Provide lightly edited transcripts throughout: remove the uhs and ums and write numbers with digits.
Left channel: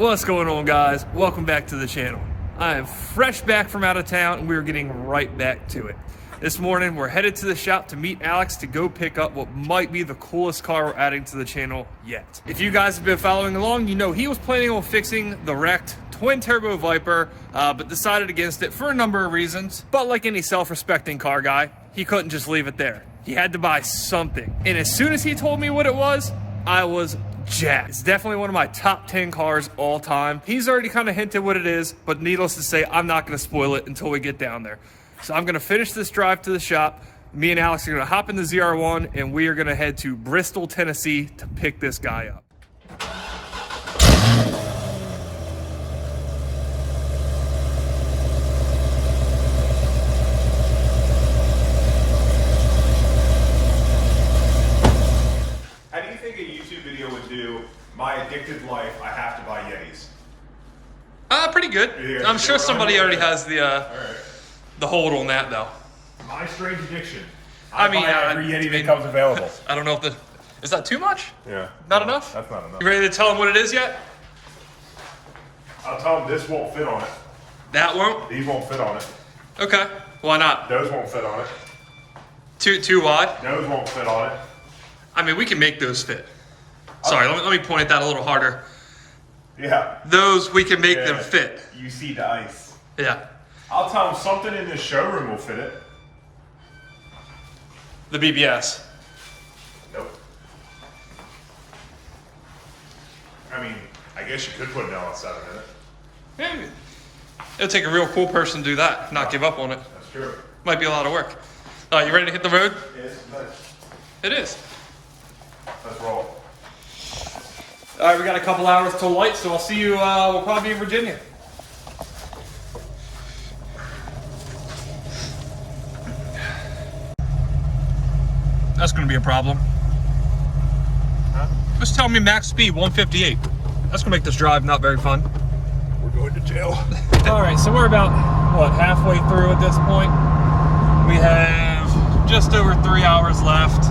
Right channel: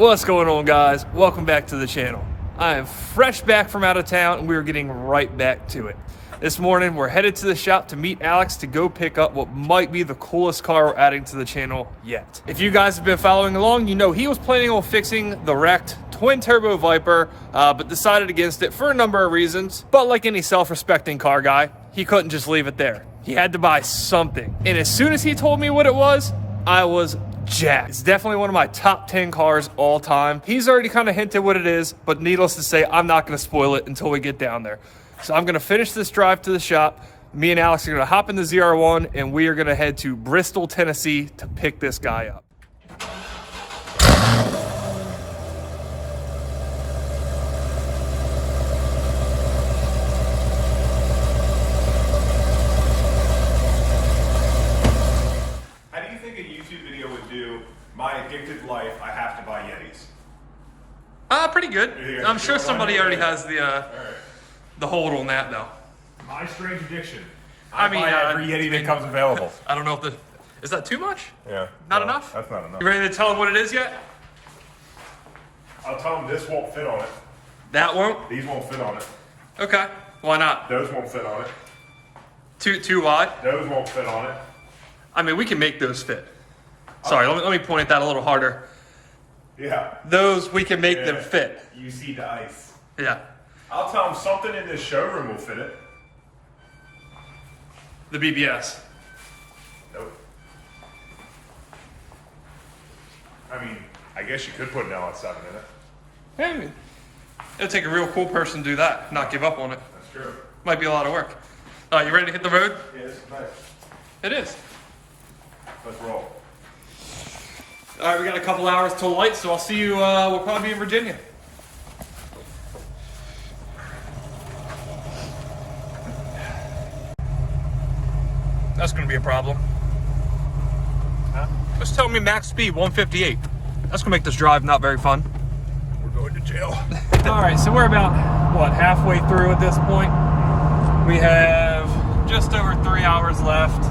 What's going on, guys? Welcome back to the channel. I am fresh back from out of town and we're getting right back to it. This morning we're headed to the shop to meet Alex to go pick up what might be the coolest car we're adding to the channel yet. If you guys have been following along, you know he was planning on fixing the wrecked twin turbo Viper, but decided against it for a number of reasons. But like any self-respecting car guy, he couldn't just leave it there. He had to buy something. And as soon as he told me what it was, I was jacked. It's definitely one of my top 10 cars all time. He's already kind of hinted what it is, but needless to say, I'm not going to spoil it until we get down there. So I'm going to finish this drive to the shop. Me and Alex are going to hop in the ZR1 and we are going to head to Bristol, Tennessee to pick this guy up. My addicted life, I have to buy Yetis. Pretty good. I'm sure somebody already has the hold on that though. My strange addiction. I mean, every Yeti that comes available. I don't know if is that too much? Yeah. Not enough? That's not enough. You ready to tell them what it is yet? I'll tell them this won't fit on it. That won't? These won't fit on it. Okay. Why not? Those won't fit on it. Too wide? Those won't fit on it. I mean, we can make those fit. Sorry, let me point at that a little harder. Yeah. Those, we can make them fit. You see the ice. Yeah. I'll tell them something in this showroom will fit it. The BBS. Nope. I mean, I guess you could put an outside in it. Hey, it'll take a real cool person to do that, not give up on it. That's true. Might be a lot of work. You ready to hit the road? Yes, It is. let's roll. All right, we got a couple hours till light, so I'll see you, we'll probably be in Virginia. That's gonna be a problem. Just tell me max speed, 158. That's gonna make this drive not very fun. We're going to jail. All right, so we're about, what, halfway through at this point? We have just over 3 hours left.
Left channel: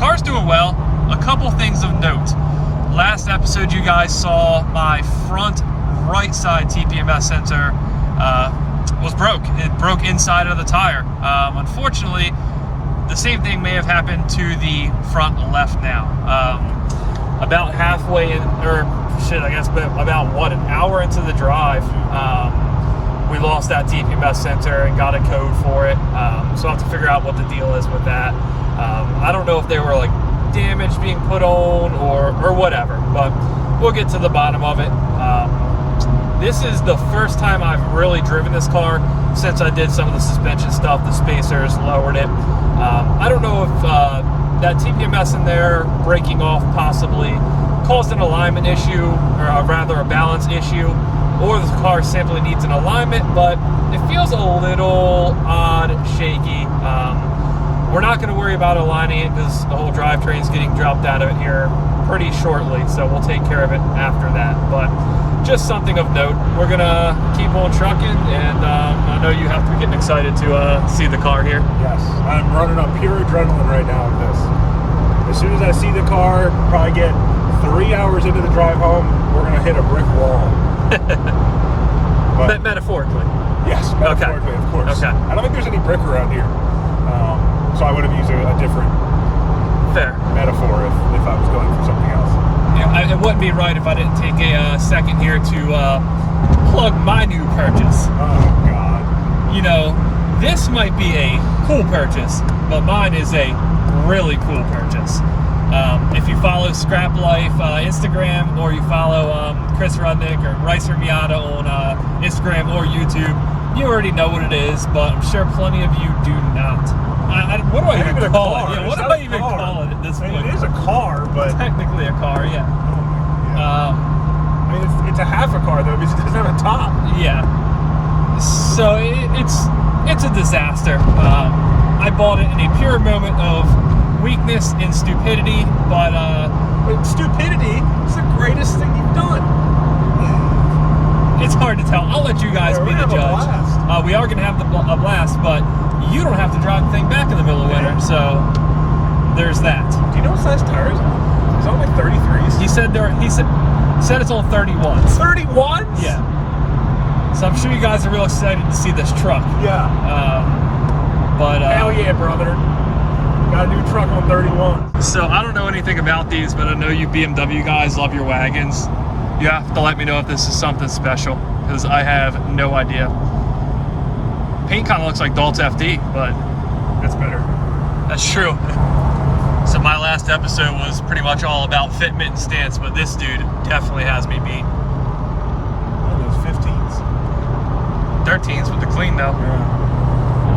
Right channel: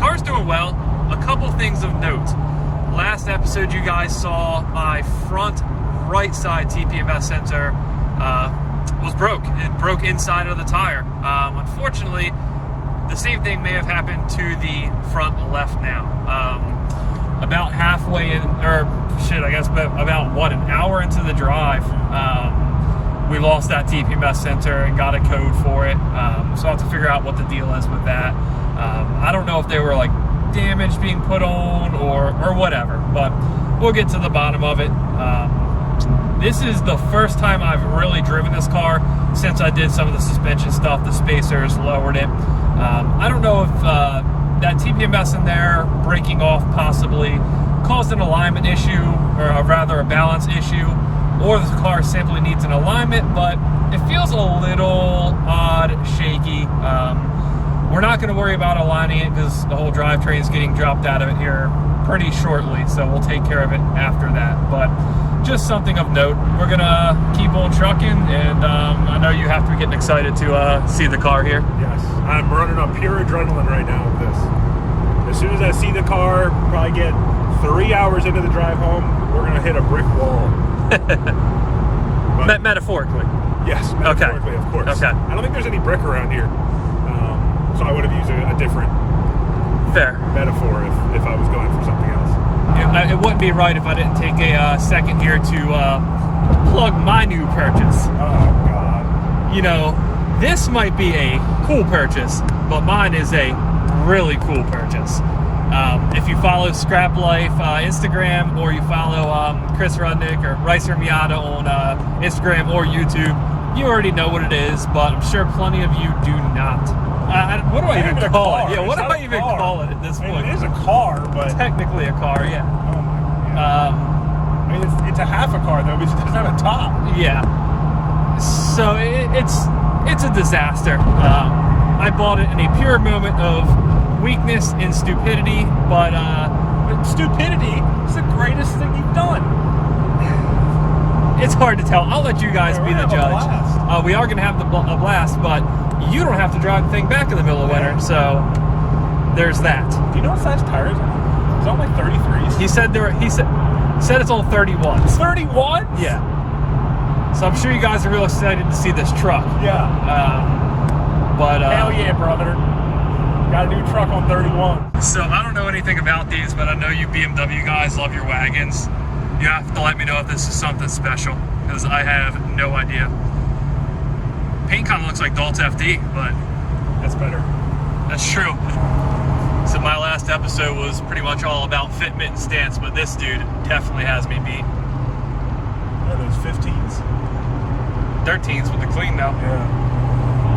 Car's doing well. A couple things of note. Last episode, you guys saw my front right side TPMS sensor was broke. It broke inside of the tire. Unfortunately, the same thing may have happened to the front left now. About halfway in, or shit, I guess, but about what, an hour into the drive, we lost that TPMS sensor and got a code for it. So I'll have to figure out what the deal is with that. I don't know if they were like damage being put on or whatever, but we'll get to the bottom of it. This is the first time I've really driven this car since I did some of the suspension stuff, the spacers, lowered it. I don't know if that TPMS in there breaking off possibly caused an alignment issue, or rather a balance issue, or the car simply needs an alignment, but it feels a little odd, shaky. We're not going to worry about aligning it because the whole drivetrain is getting dropped out of it here pretty shortly, so we'll take care of it after that. But just something of note, we're going to keep on trucking, and I know you have to be getting excited to see the car here. Yes, I'm running on pure adrenaline right now with this. As soon as I see the car, probably get 3 hours into the drive home, we're going to hit a brick wall. But, metaphorically. Yes, metaphorically, of course. Okay. I don't think there's any brick around here. So I would have used a different metaphor if I was going for something else. Yeah, it wouldn't be right if I didn't take a second here to plug my new purchase. Oh, God. You know, this might be a cool purchase, but mine is a really cool purchase. If you follow Scrap Life Instagram, or you follow Chris Rudnick or Ricer Miata on Instagram or YouTube, you already know what it is, but I'm sure plenty of you do not. What do I even call it? Yeah, what do I even call it at this point? It is a car, but technically a car, yeah. I mean, it's a half a car though, because it doesn't have a top. Yeah. So it's a disaster. I bought it in a pure moment of weakness and stupidity, but stupidity is the greatest thing you've done. It's hard to tell. I'll let you guys be the judge. We are going to have a blast, but you don't have to drive the thing back in the middle of winter, so there's that. Do you know what size tires are? Is that like 33s? He said Said it's on 31s. 31s? Yeah. So I'm sure you guys are real excited to see this truck. Yeah. Hell yeah, brother. Got a new truck on 31. So I don't know anything about these, but I know you BMW guys love your wagons. You have to let me know if this is something special, because I have no idea. Paint kind of looks like Dalt's FD, but That's better. that's true. So my last episode was pretty much all about fitment and stance, but this dude definitely has me beat. What are those 15s? 13s with the clean though. Yeah.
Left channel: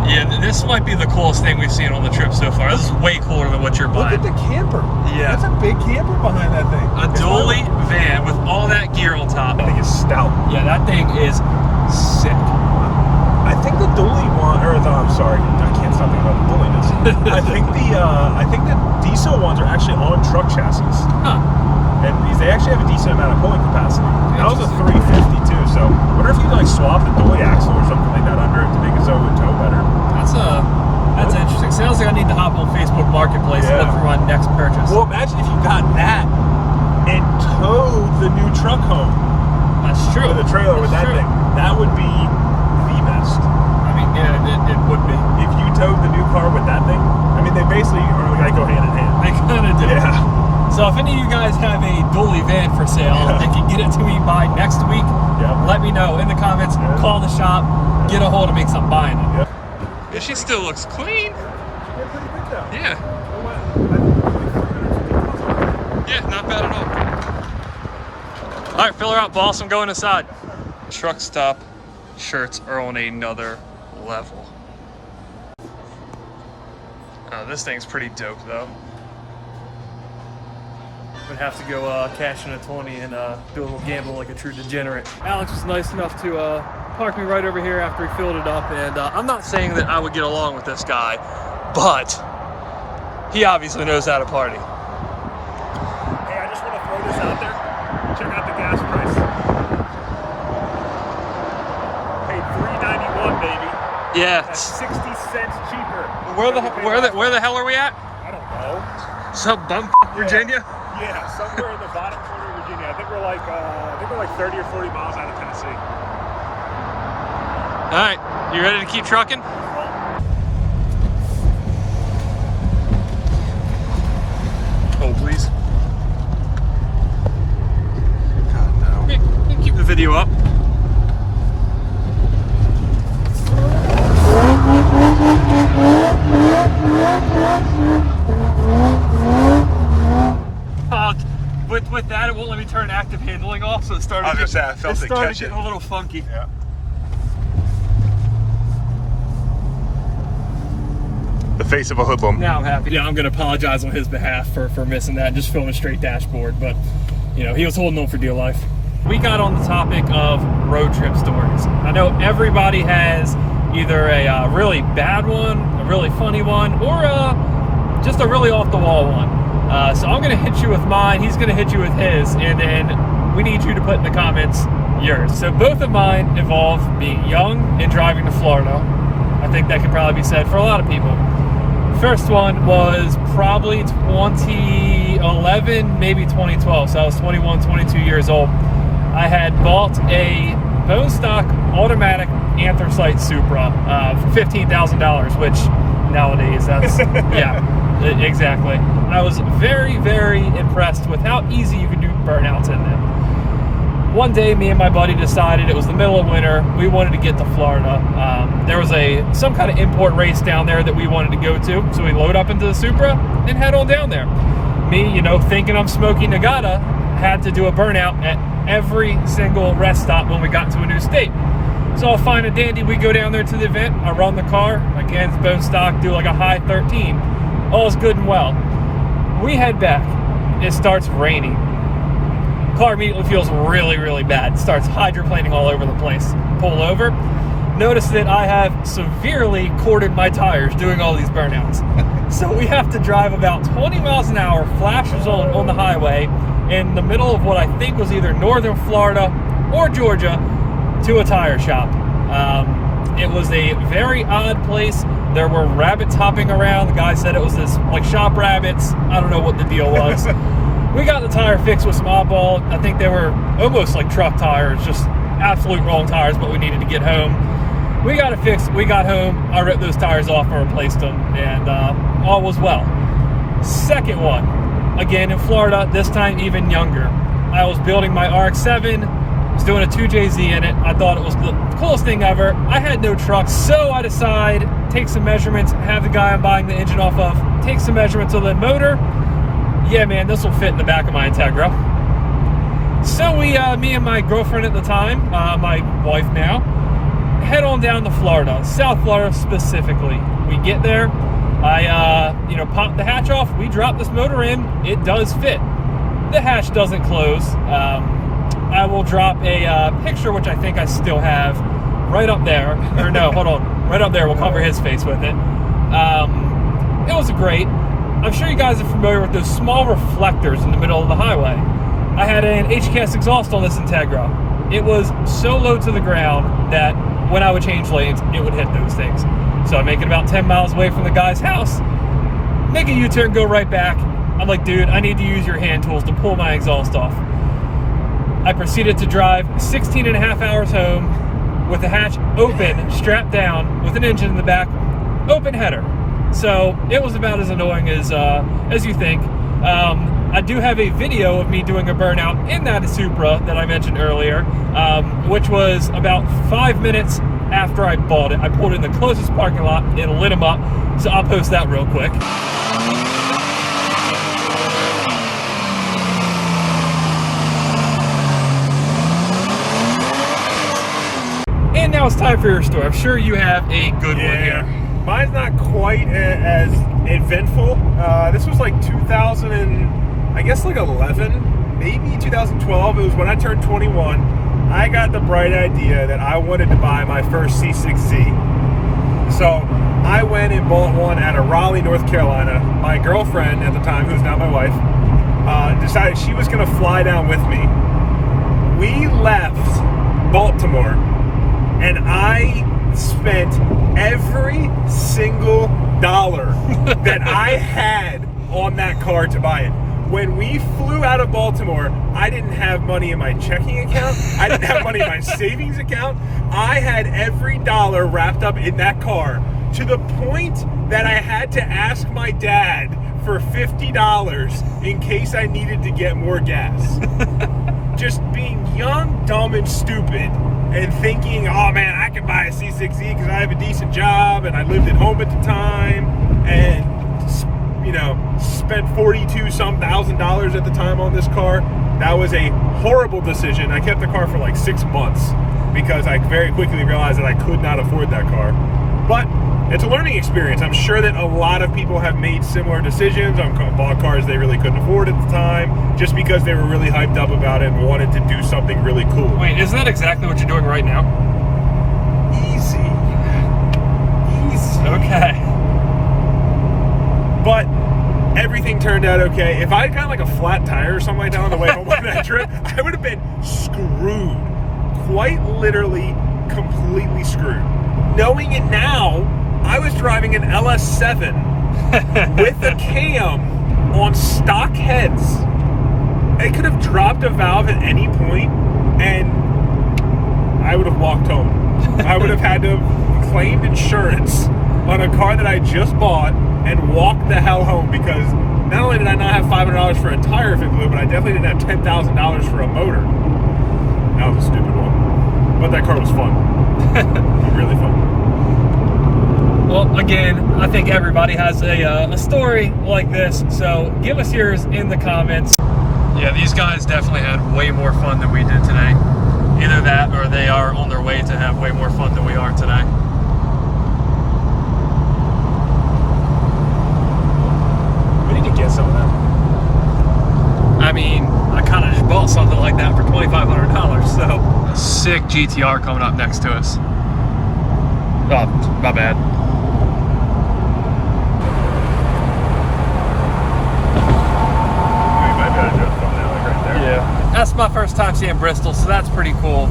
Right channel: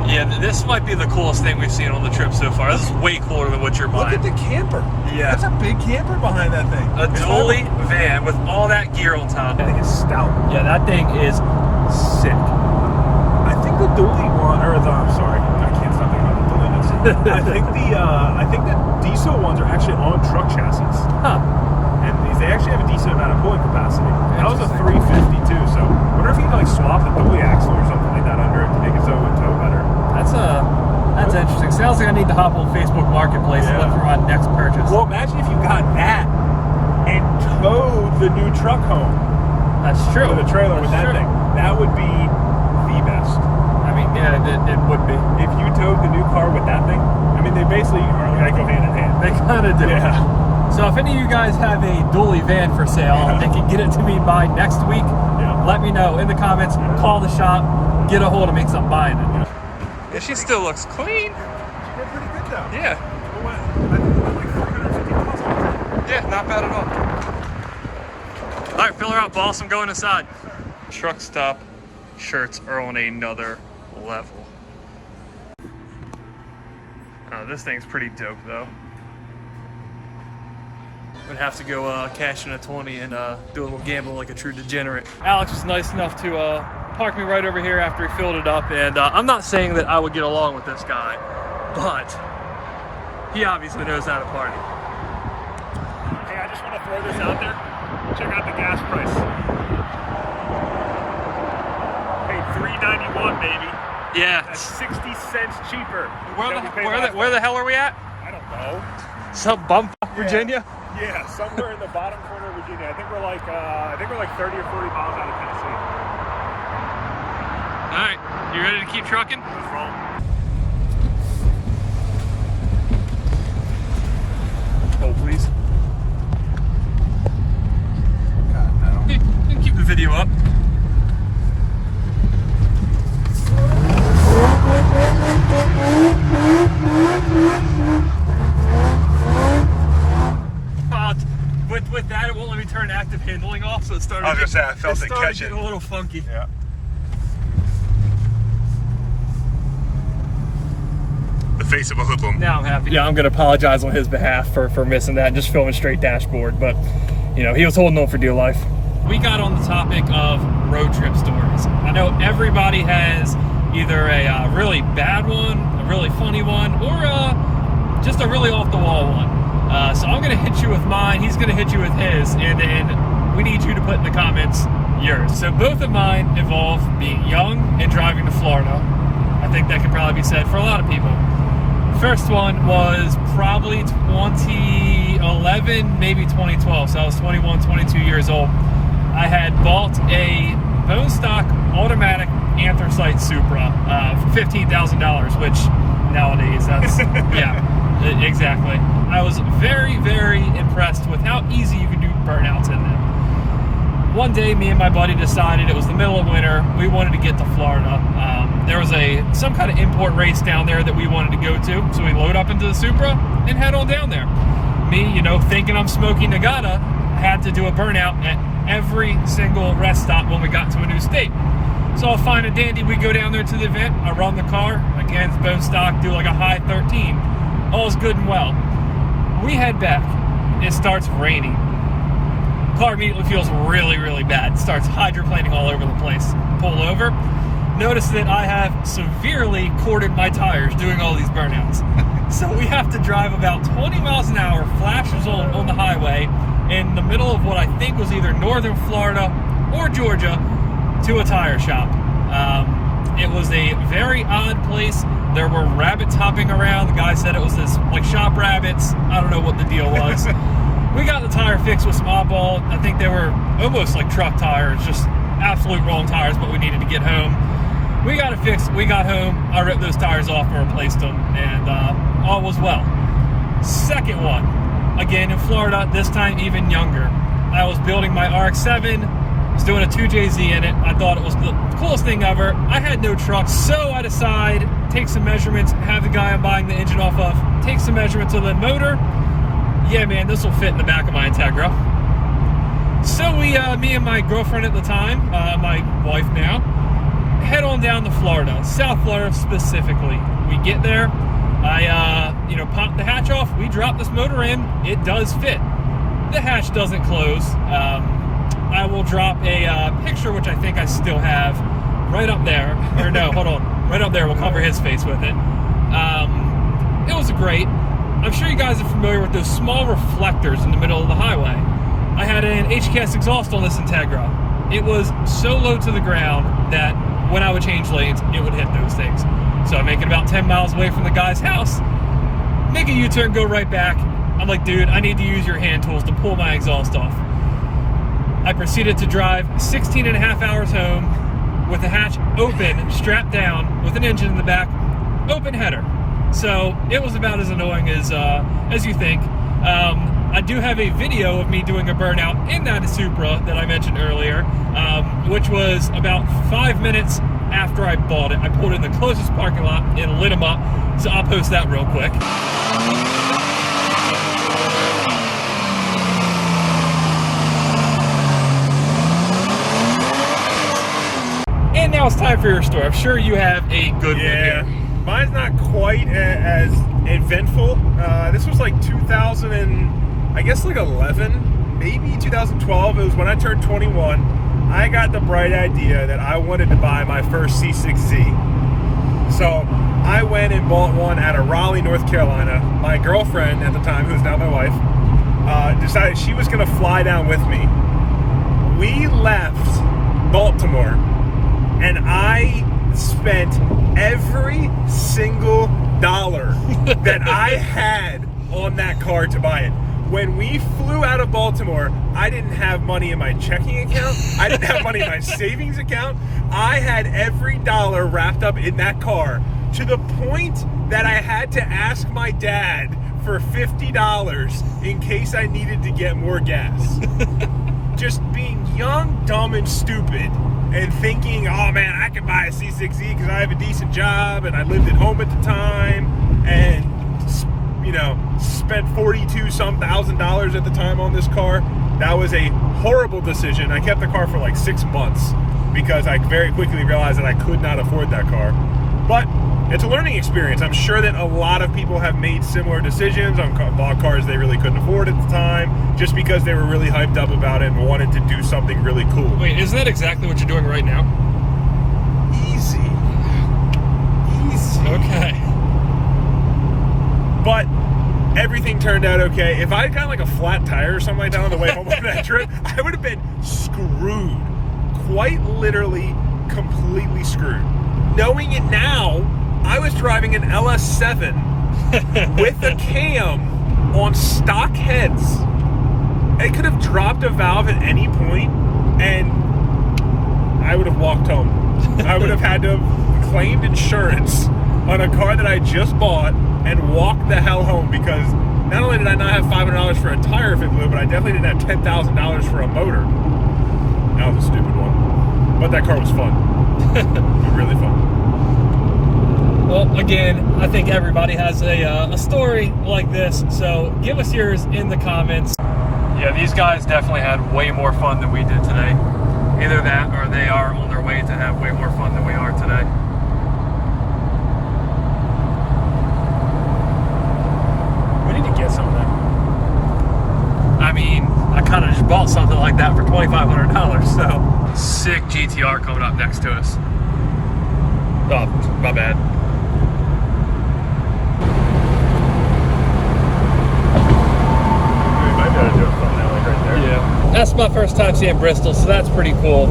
Yeah, this might be the coolest thing we've seen on the trip so far. This is way cooler than what you're Look buying. at the camper. Yeah. That's a big camper behind that thing. A dually van with all that gear on top. I think it's stout. Yeah, that thing is sick. I think the dually one, or I'm sorry, I can't stop talking about the dualiness. I think the diesel ones are actually on truck chassis, Huh. and they actually have a decent amount of cooling capacity. That was a 350 too, so I wonder if you like swap the dually axle or something like that under it to make it so it would tow better. That's interesting. Sounds like I need to hop on Facebook Marketplace and look for my next purchase. Well, imagine if you got that and towed the new truck home. That's true. To the trailer with that thing. That would be the best. I mean, yeah, it would be. If you towed the new car with that thing, I mean, they basically are like go hand in hand. They kind of do. Yeah. So if any of you guys have a dually van for sale and can get it to me by next week, let me know in the comments. Call the shop, get a hold of me because I'm buying it. Yep. Yeah, she still looks clean. Well, pretty good though. Yeah. Yeah, not bad at all. All right, fill her out, boss. I'm going inside. Truck stop shirts are on another level. This thing's pretty dope, though. Would have to go cash in a 20 and do a little gamble like a true degenerate. Alex was nice enough to park me right over here after he filled it up, and I'm not saying that I would get along with this guy, but he obviously knows how to party. Hey, I just want to throw this out there. Check out the gas price. Hey, $3.91, baby. Yeah. That's 60 cents cheaper. Where the hell are we at? I don't know. Some bum Virginia? Yeah, somewhere in the bottom corner of Virginia. I think we're like 30 or 40 miles out of Tennessee. All right, you ready to keep trucking? Let's roll. Oh, please. God, no. Yeah, you can keep the video up. With that, it won't let me turn active handling off, so it started. I was gonna say, I felt it catching. A little funky. Yeah. The face of a hoodlum. Now I'm happy. Yeah, I'm gonna apologize on his behalf for missing that and just filming straight dashboard, but you know, he was holding on for dear life. We got on the topic of road trip stories. I know everybody has either a really bad one, a really funny one, or just a really off the wall one. So I'm gonna hit you with mine, he's gonna hit you with his, and then we need you to put in the comments yours. So both of mine involve being young and driving to Florida. I think that can probably be said for a lot of people. First one was probably 2011, maybe 2012. So I was 21, 22 years old. I had bought a bone stock automatic anthracite Supra for $15,000, which nowadays that's, yeah, exactly. I was very, very impressed with how easy you can do burnouts in that. One day, me and my buddy decided it was the middle of winter. We wanted to get to Florida. There was some kind of import race down there that we wanted to go to. So we load up into the Supra and head on down there. Me, you know, thinking I'm smoking Nagata, had to do a burnout at every single rest stop when we got to a new state. So I'll find a dandy, we go down there to the event, I run the car, again, it's bone stock, do like a high 13. All's good and well. We head back, it starts raining. Car immediately feels really, really bad. It starts hydroplaning all over the place. Pull over, notice that I have severely corded my tires doing all these burnouts. So we have to drive about 20 miles an hour, flashes on the highway, in the middle of what I think was either northern Florida or Georgia, to a tire shop. It was a very odd place. There were rabbits hopping around. The guy said it was this, like, shop rabbits. I don't know what the deal was. we got the tire fixed with some oddball. I think they were almost like truck tires, just absolute wrong tires, but we needed to get home. We got it fixed. We got home. I ripped those tires off and replaced them, and all was well. Second one, again in Florida, this time even younger. I was building my RX-7, was doing a 2JZ in it. I thought it was the coolest thing ever. I had no truck, so I decide, take some measurements, have the guy I'm buying the engine off of, take some measurements of the motor. Yeah, man, this will fit in the back of my Integra. So we, me and my girlfriend at the time, my wife now, head on down to Florida, South Florida specifically. We get there, I, pop the hatch off, we drop this motor in, it does fit. The hatch doesn't close. I will drop a picture, which I think I still have, right up there. Or no, hold on, right up there, we'll cover his face with it. It was great. I'm sure you guys are familiar with those small reflectors in the middle of the highway. I had an HKS exhaust on this Integra. It was so low to the ground that when I would change lanes, it would hit those things. So I make it about 10 miles away from the guy's house, make a U-turn, go right back. I'm like, dude, I need to use your hand tools to pull my exhaust off. I proceeded to drive 16 and a half hours home with the hatch open, strapped down, with an engine in the back, open header. So it was about as annoying as you think. I do have a video of me doing a burnout in that Supra that I mentioned earlier, which was about 5 minutes after I bought it. I pulled in the closest parking lot and lit them up, so I'll post that real quick. And now it's time for your story. I'm sure you have a good one here. Mine's not quite as eventful. This was like 2000 and I guess like 11, maybe 2012. It was when I turned 21. I got the bright idea that I wanted to buy my first C6Z. So I went and bought one out of Raleigh, North Carolina. My girlfriend at the time, who's now my wife, decided she was going to fly down with me. We left Baltimore, and I spent every single dollar that I had on that car to buy it. When we flew out of Baltimore, I didn't have money in my checking account. I didn't have money in my savings account. I had every dollar wrapped up in that car, to the point that I had to ask my dad for $50 in case I needed to get more gas. Just being young, dumb, and stupid, and thinking, oh man, I can buy a C6Z because I have a decent job and I lived at home at the time, and spent $42-some thousand at the time on this car. That was a horrible decision. I kept the car for like 6 months because I very quickly realized that I could not afford that car. But it's a learning experience. I'm sure that a lot of people have made similar decisions on bought cars they really couldn't afford at the time, just because they were really hyped up about it and wanted to do something really cool. Wait, isn't that exactly what you're doing right now? Easy. Okay. But everything turned out okay. If I had gotten like a flat tire or something like that on the way home on that trip, I would have been screwed. Quite literally, completely screwed. Knowing it now, I was driving an LS7 with a cam on stock heads. It could have dropped a valve at any point, and I would have walked home. I would have had to have claimed insurance on a car that I just bought and walked the hell home, because not only did I not have $500 for a tire if it blew, but I definitely didn't have $10,000 for a motor. That was a stupid one. But that car was fun. Really fun. Well, again, I think everybody has a story like this, so give us yours in the comments. Yeah, these guys definitely had way more fun than we did today. Either that, or they are on their way to have way more fun than we are today. We need to get some of them. I mean, I kind of just bought something like that for $2,500, so. Sick GTR coming up next to us. Oh, my bad. That's my first time seeing Bristol, so that's pretty cool.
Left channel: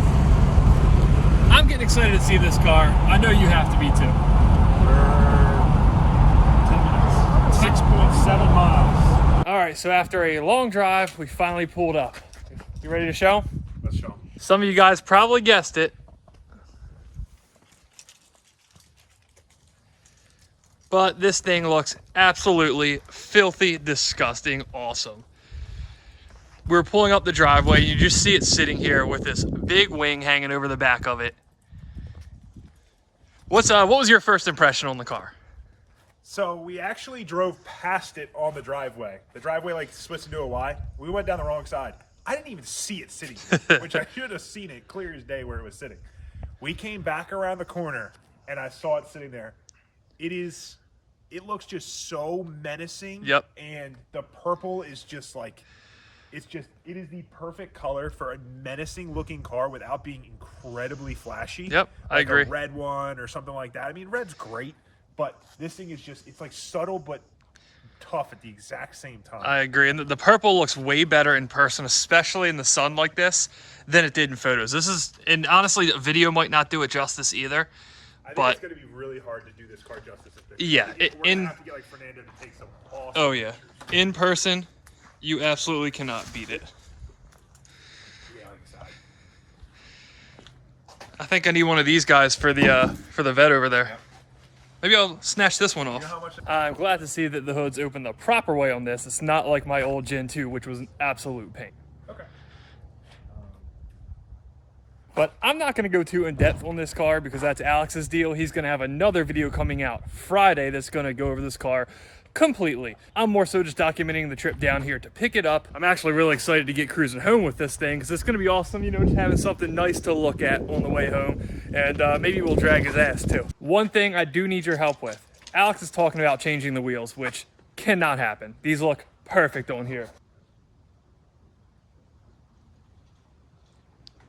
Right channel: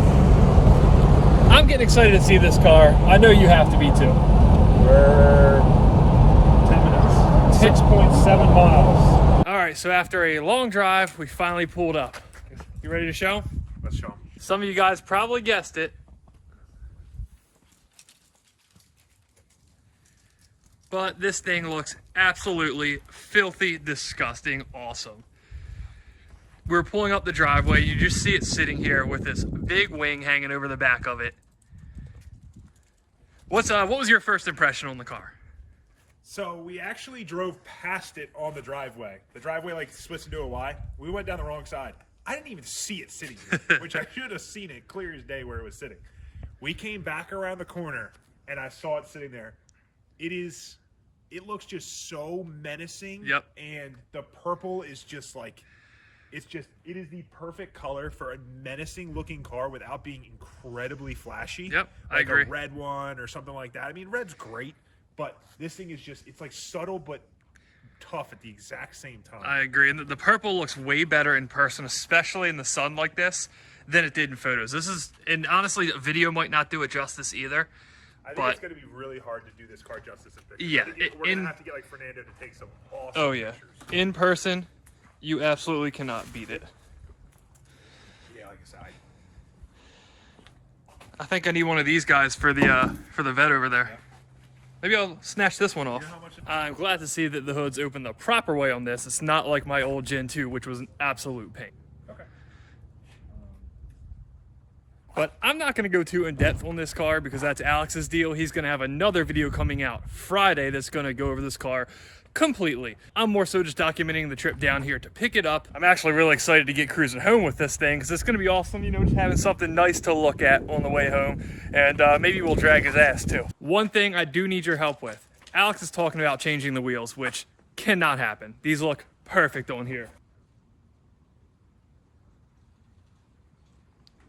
I'm getting excited to see this car. I know you have to be too. We're 3 minutes. 6.7 miles. All right. right, so after a long drive, we finally pulled up. You ready to show? Let's show them. Some of you guys probably guessed it. But this thing looks absolutely filthy, disgusting, awesome. We're pulling up the driveway. You just see it sitting here with this big wing hanging over the back of it. What was your first impression on the car? So we actually drove past it on the driveway. The driveway like splits into a Y. We went down the wrong side. I didn't even see it sitting here, which I should have seen it clear as day where it was sitting. We came back around the corner and I saw it sitting there. It looks just so menacing. Yep. And the purple is just like, it is the perfect color for a menacing looking car without being incredibly flashy. Yep, I agree. Like a red one or something like that. I mean, red's great, but this thing is just, it's like subtle but tough at the exact same time. I agree. And the purple looks way better in person, especially in the sun like this, than it did in photos. And honestly, a video might not do it justice either. I think it's going to be really hard to do this car justice. Yeah. We're going to have to get like Fernando to take some awesome Oh, yeah. pictures. In person, you absolutely cannot beat it. Yeah, like I said, I think I need one of these guys for the vet over there. Maybe I'll snatch this one off. I'm glad to see that the hood's open the proper way on this. It's not like my old Gen 2, which was an absolute pain. Okay. But I'm not going to go too in depth on this car because that's Alex's deal. He's going to have another video coming out Friday that's going to go over this car completely. I'm more so just documenting the trip down here to pick it up. I'm actually really excited to get cruising home with this thing because it's going to be awesome, you know, just having something nice to look at on the way home. And maybe we'll drag his ass too. One thing I do need your help with. Alex is talking about changing the wheels, which cannot happen. These look perfect on here.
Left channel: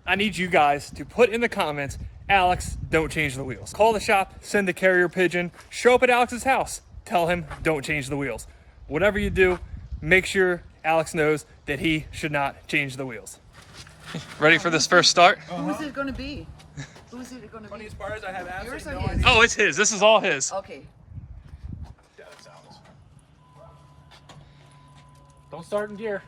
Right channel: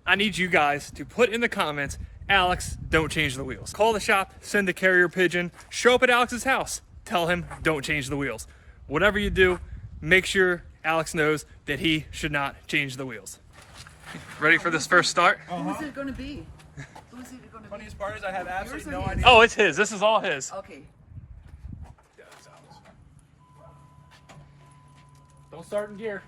I need you guys to put in the comments, Alex, don't change the wheels. Call the shop, send a carrier pigeon, show up at Alex's house. Tell him, don't change the wheels. Whatever you do, make sure Alex knows that he should not change the wheels. Ready for this first start? Who's it going to be? Who's it going to be? Funniest part is I have absolutely Yours or no his? idea. Oh, it's his. This is all his. Okay. Don't start in gear.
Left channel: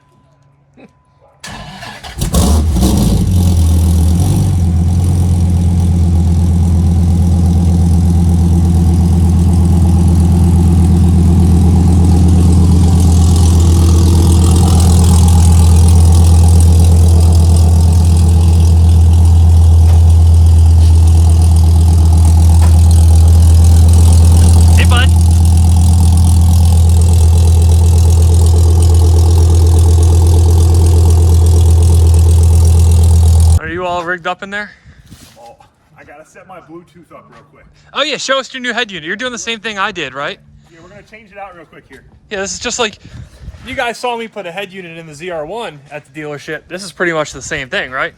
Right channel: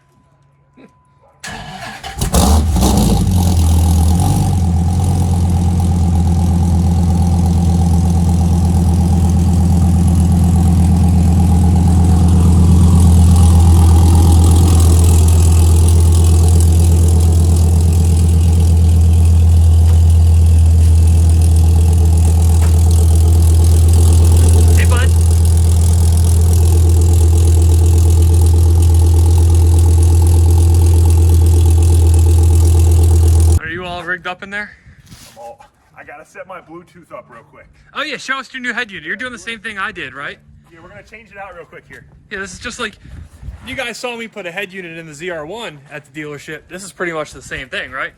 Rigged up in there? Oh, I gotta set my Bluetooth up real quick. Oh yeah, show us your new head unit. You're doing the same thing I did, right? Yeah, we're gonna change it out real quick here. Yeah, this is just like, you guys saw me put a head unit in the ZR1 at the dealership. This is pretty much the same thing, right?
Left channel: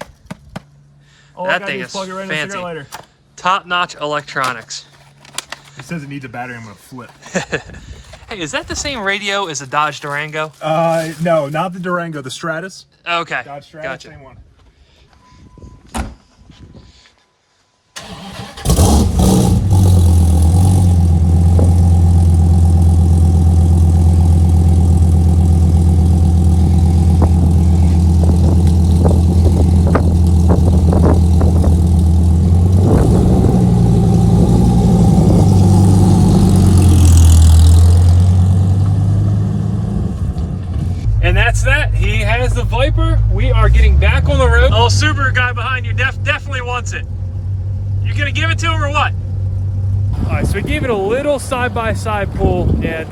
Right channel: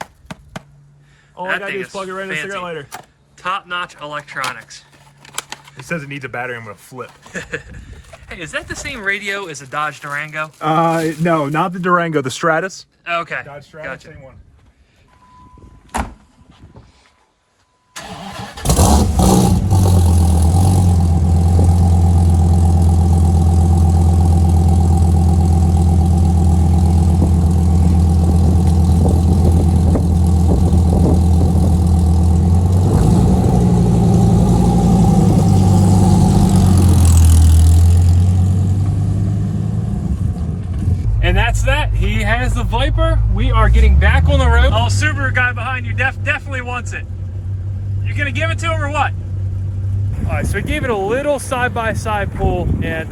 All That I gotta thing do is plug it right in a fancy. cigarette lighter. Top-notch electronics. It says it needs a battery. I'm gonna flip. Hey, is that the same radio as a Dodge Durango? No, not the Durango. The Stratus. Okay, Dodge Stratus, gotcha. same one. And that's that. He has the Viper. We are getting back on the road. Oh, Subaru guy behind you definitely wants it. You gonna give it to him or what? All right, so we gave it a little side-by-side pull and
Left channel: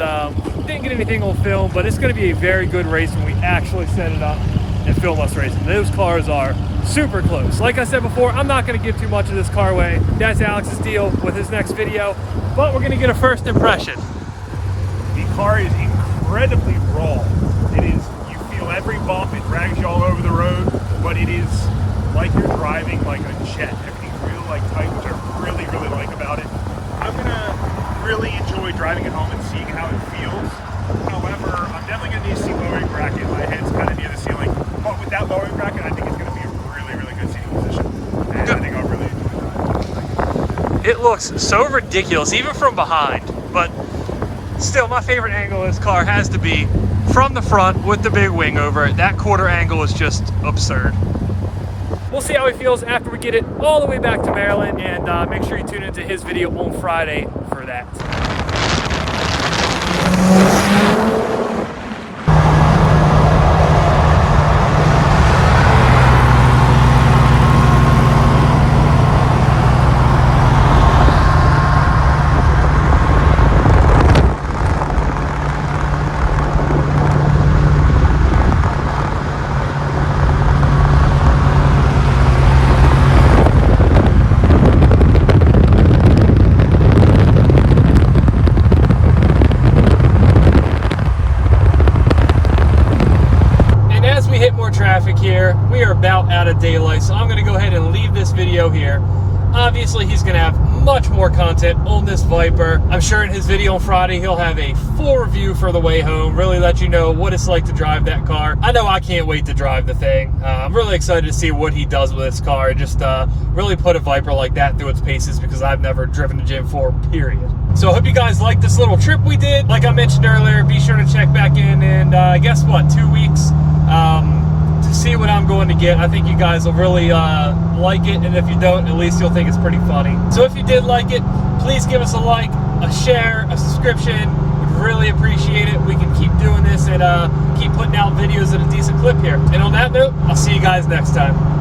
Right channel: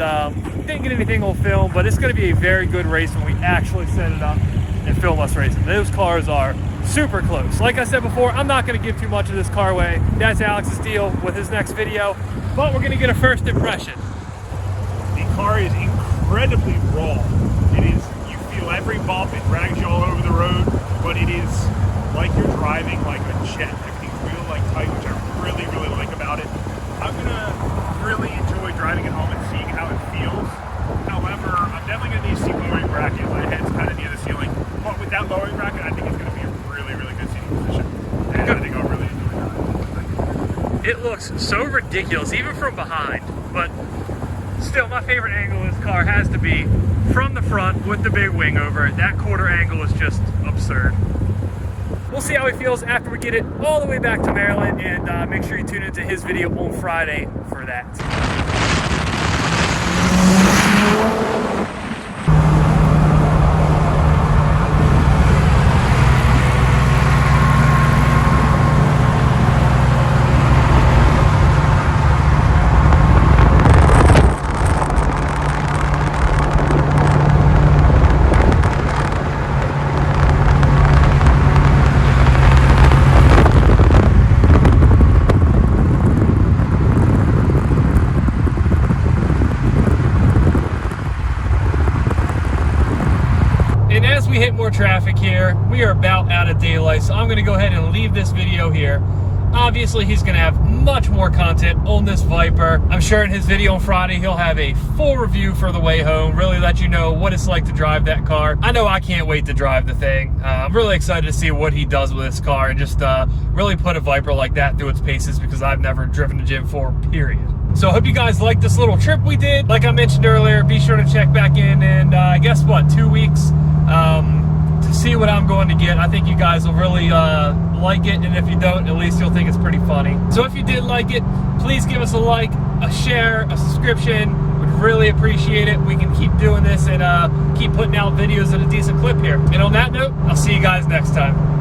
didn't get anything on film, but it's gonna be a very good race when we actually set it up and film us racing. Those cars are super close. Like I said before, I'm not gonna give too much of this car away. That's Alex's deal with his next video, but we're gonna get a first impression. The car is incredibly raw. It is, you feel every bump, it drags you all over the road, but it is like you're driving like a jet. Everything's real like tight, which I really, really like about it. I'm gonna really enjoy driving it home and seeing how it feels. However, I'm definitely gonna need a seat lowering bracket. My head's kind of near the ceiling. But with that lowering bracket, I think it's gonna be a really, really good seating position. And I think I'll really enjoy it. It looks so ridiculous, even from behind, but still my favorite angle of this car has to be from the front with the big wing over it. That quarter angle is just absurd. We'll see how he feels after we get it all the way back to Maryland, and make sure you tune into his video on Friday for that. Traffic here. We are about out of daylight, so I'm going to go ahead and leave this video here. Obviously, he's going to have much more content on this Viper. I'm sure in his video on Friday, he'll have a full review for the way home, really let you know what it's like to drive that car. I know I can't wait to drive the thing. I'm really excited to see what he does with this car. Just really put a Viper like that through its paces, because I've never driven a Gen 4, period. So I hope you guys liked this little trip we did. Like I mentioned earlier, be sure to check back in, and guess what, 2 weeks to see what I'm going to get. I think you guys will really like it, and if you don't, at least you'll think it's pretty funny. So if you did like it, please give us a like, a share, a subscription. We'd really appreciate it. We can keep doing this and keep putting out videos at a decent clip here. And on that note, I'll see you guys next time.